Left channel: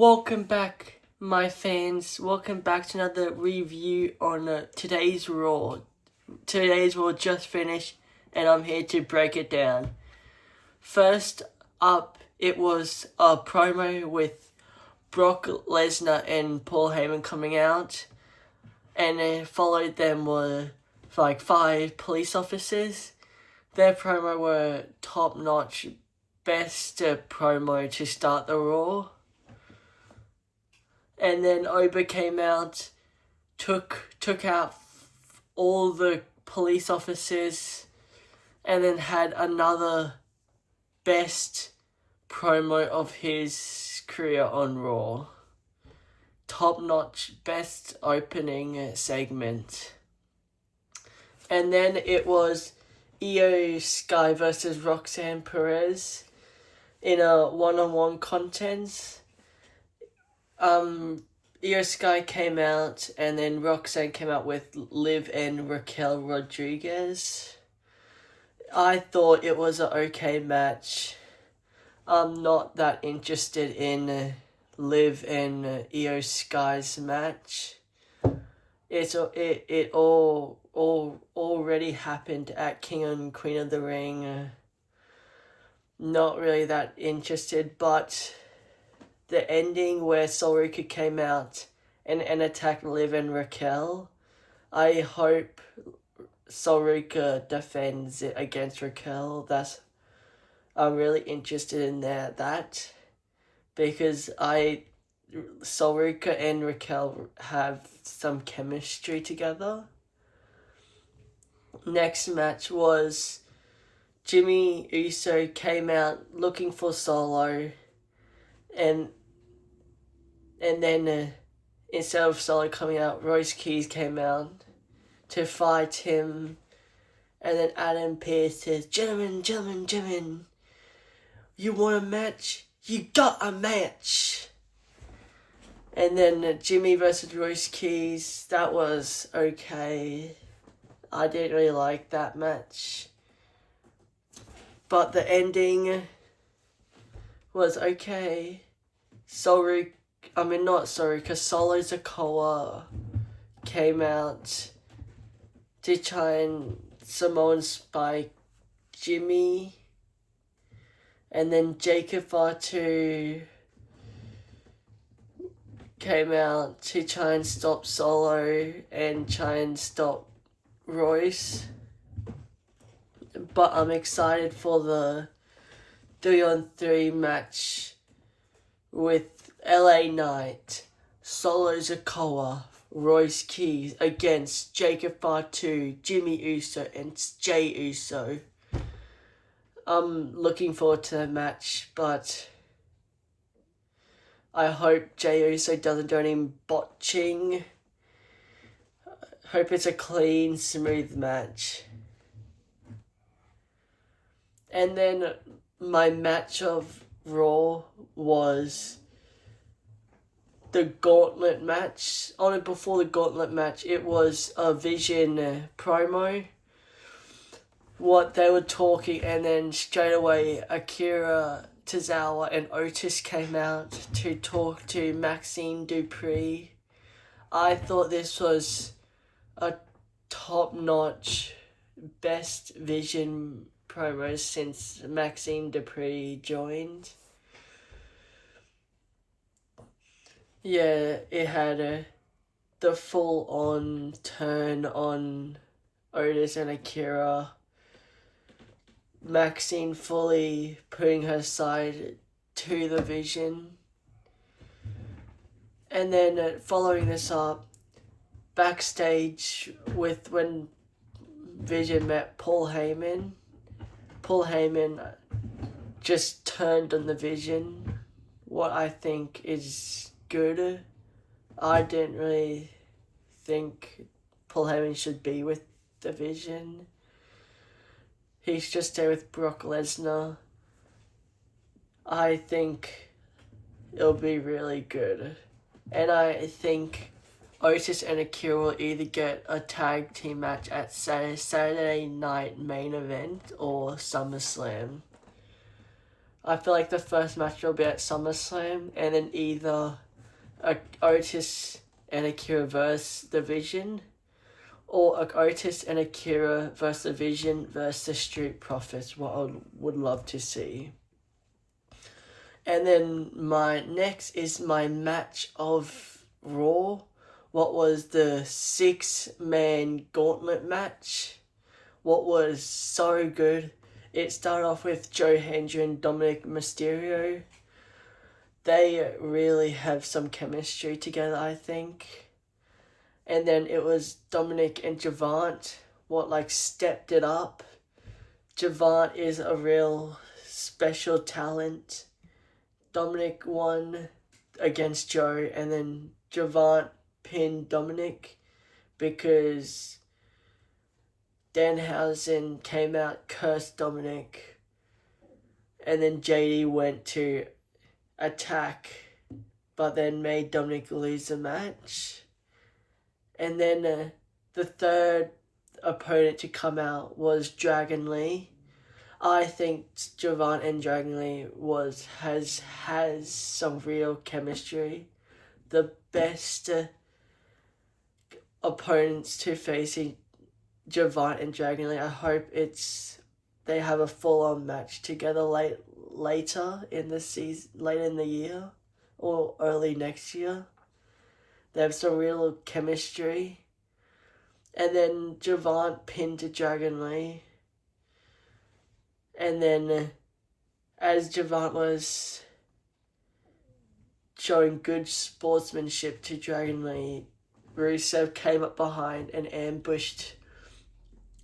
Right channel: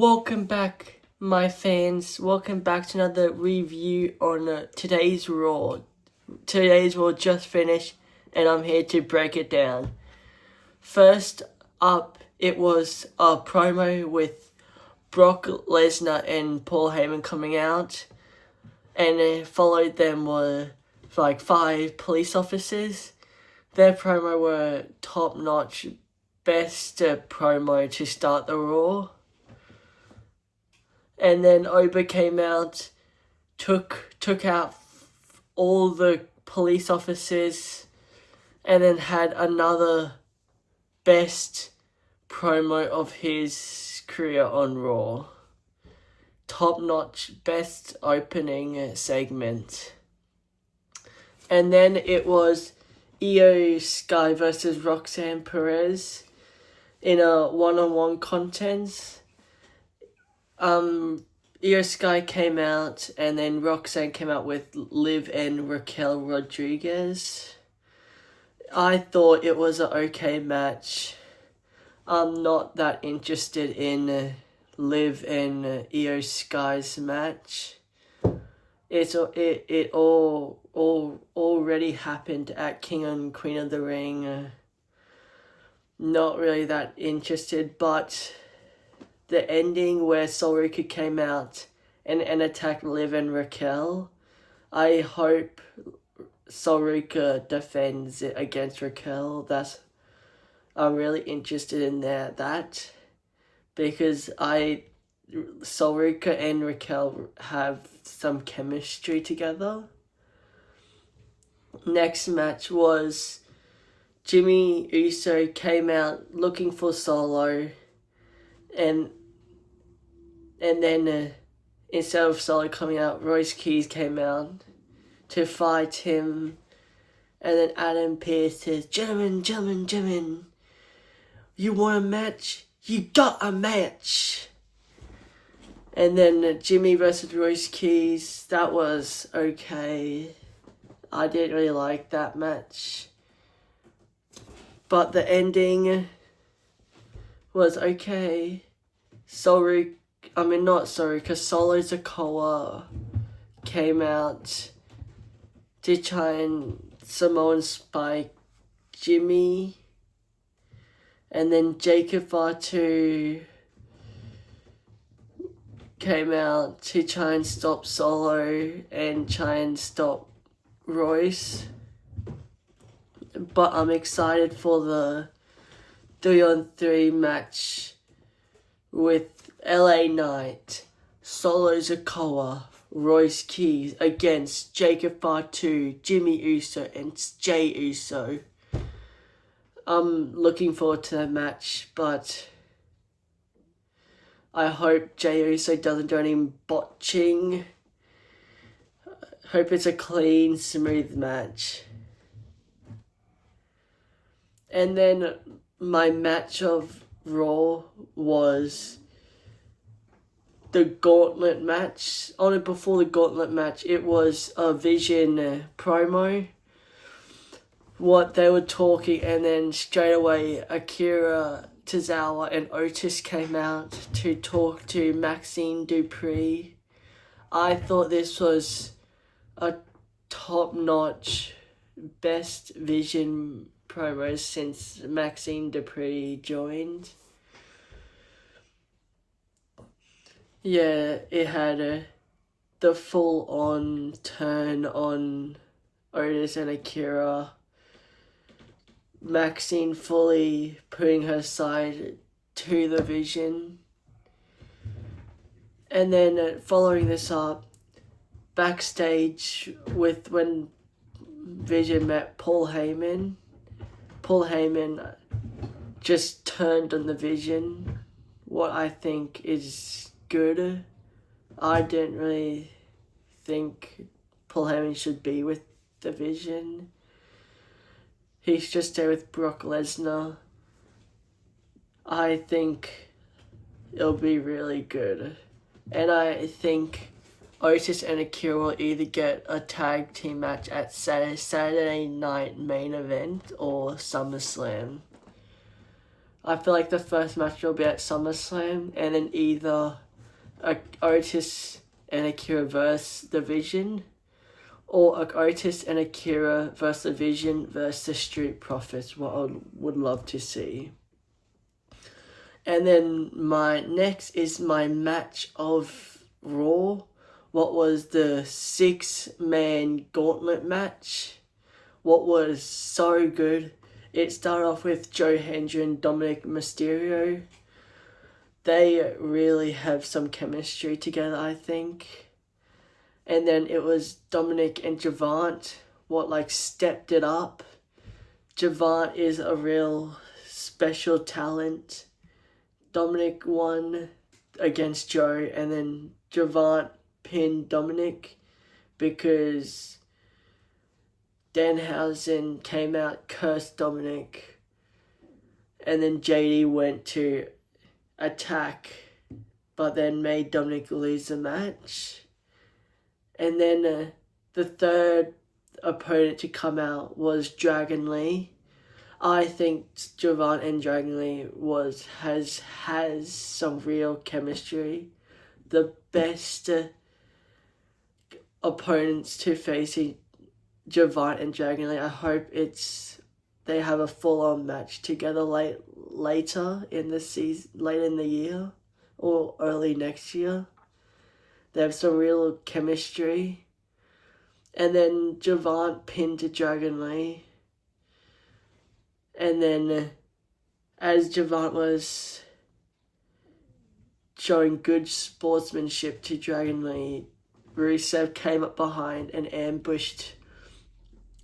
Welcome back, my fans. Welcome back to another review on today's Raw. Today's Raw just finished, and I'm here to break it down. First up, it was a promo with Brock Lesnar and Paul Heyman coming out, and followed them were like 5 police officers. Their promo were top-notch, best promo to start the Raw. And then Oba came out, took out all the police officers, and then had another best promo of his career on Raw. Top-notch, best opening segment. And then it was Io Sky versus Roxanne Perez in a one-on-one contest. Io Sky came out, and then Roxanne came out with Liv and Raquel Rodriguez. I thought it was an okay match. I'm not that interested in Liv and Io Sky's match. It already happened at King and Queen of the Ring. Not really that interested, but the ending where Sol Ruca came out and attacked Liv and Raquel, I hope Sol Ruca defends it against Raquel. I'm really interested in that because Sol Ruca and Raquel have some chemistry together. Next match was Jimmy Uso came out looking for Solo, and then instead of Solo coming out, Royce Keys came out to fight him. And then Adam Pearce says, Gentlemen, you want a match? You got a match. And then Jimmy versus Royce Keys, that was okay. I didn't really like that match. But the ending was okay. Because Solo Sikoa came out to try and Samoan Spike Jimmy, and then Jacob Fatu came out to try and stop Solo and try and stop Royce. But I'm excited for the 3-on-3 match with LA Knight, Solo Sikoa, Royce Keys against Jacob Fatu, Jimmy Uso, and Jey Uso. I'm looking forward to that match, but I hope Jey Uso doesn't do any botching. Hope it's a clean, smooth match. And then my match of Raw was the gauntlet match. Before the gauntlet match, it was a Vision promo. What they were talking, and then straight away Akira Tozawa and Otis came out to talk to Maxine Dupree. I thought this was a top-notch, best Vision promo since Maxine Dupree joined. Yeah, it had the full-on turn on Otis and Akira. Maxine fully putting her side to the Vision. And then following this up, backstage with when Vision met Paul Heyman. Paul Heyman just turned on the Vision, what I think is good. I didn't really think Paul Heyman should be with the Vision. He's just there with Brock Lesnar. I think it'll be really good. And I think Otis and Akira will either get a tag team match at Saturday Night Main Event or SummerSlam. I feel like the first match will be at SummerSlam, and then either Otis and Akira versus the Vision, or Otis and Akira versus the Vision versus the Street Profits, what I would love to see. And then my next is my match of Raw. What was the 6-man gauntlet match? What was so good. It started off with Joe Hendry and Dominic Mysterio. They really have some chemistry together, I think. And then it was Dominic and Javant, stepped it up. Javant is a real special talent. Dominic won against Joe, and then Javant pinned Dominic because Danhausen came out, cursed Dominic, and then JD went to attack, but then made Dominic lose the match. And then the third opponent to come out was Dragon Lee. I think Javant and Dragon Lee has some real chemistry. The best opponents to facing Javant and Dragon Lee. I hope they have a full-on match together later in the season, later in the year or early next year. They have some real chemistry. And then Javant pinned to Dragon Lee. And then as Javant was showing good sportsmanship to Dragon Lee, Rusev came up behind and ambushed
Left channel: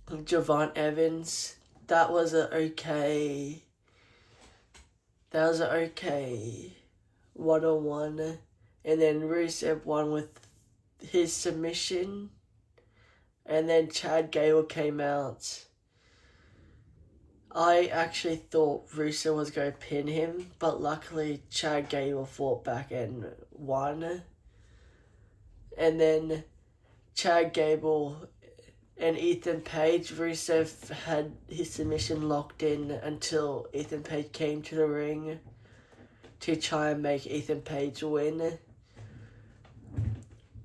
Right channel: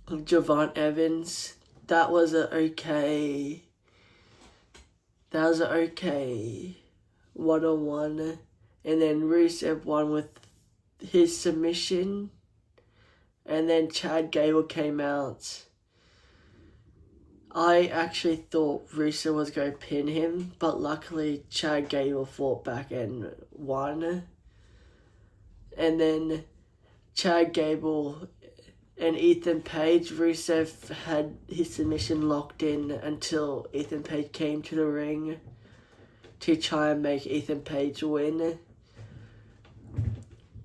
Javant Evans. That was an okay one-on-one. And then Rusev won with his submission. And then Chad Gable came out. I actually thought Rusev was going to pin him, but luckily Chad Gable fought back and won. And then Chad Gable and Ethan Page, Rusev had his submission locked in until Ethan Page came to the ring to try and make Ethan Page win.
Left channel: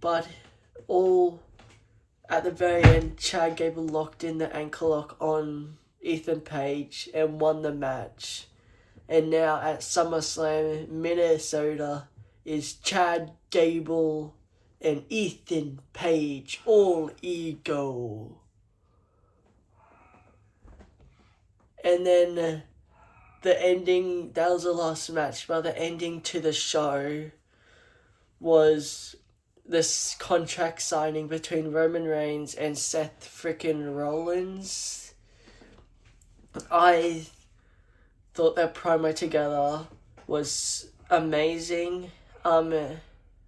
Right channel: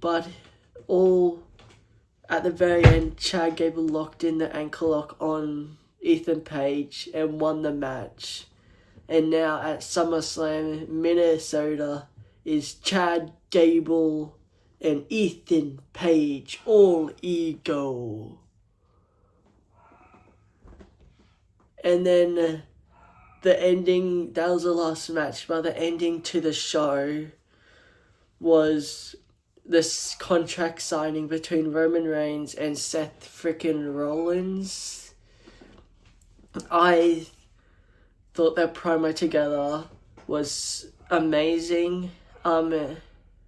But at the very end, Chad Gable locked in the ankle lock on Ethan Page and won the match. And now at SummerSlam, Minnesota, is Chad Gable and Ethan Page, all ego. And then the ending, that was the last match, but the ending to the show was this contract signing between Roman Reigns and Seth frickin' Rollins. I thought that promo together was amazing. I'm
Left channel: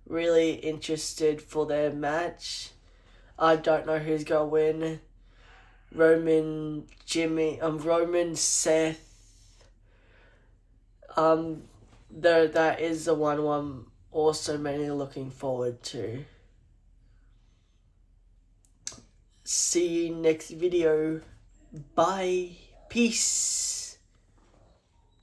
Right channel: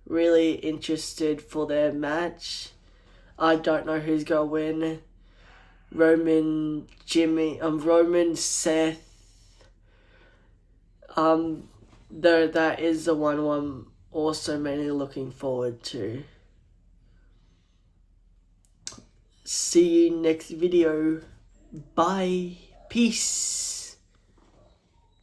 really interested for their match. I don't know who's gonna win. Roman, Seth. That is the one I'm also mainly looking forward to. See you next video. Bye. Peace.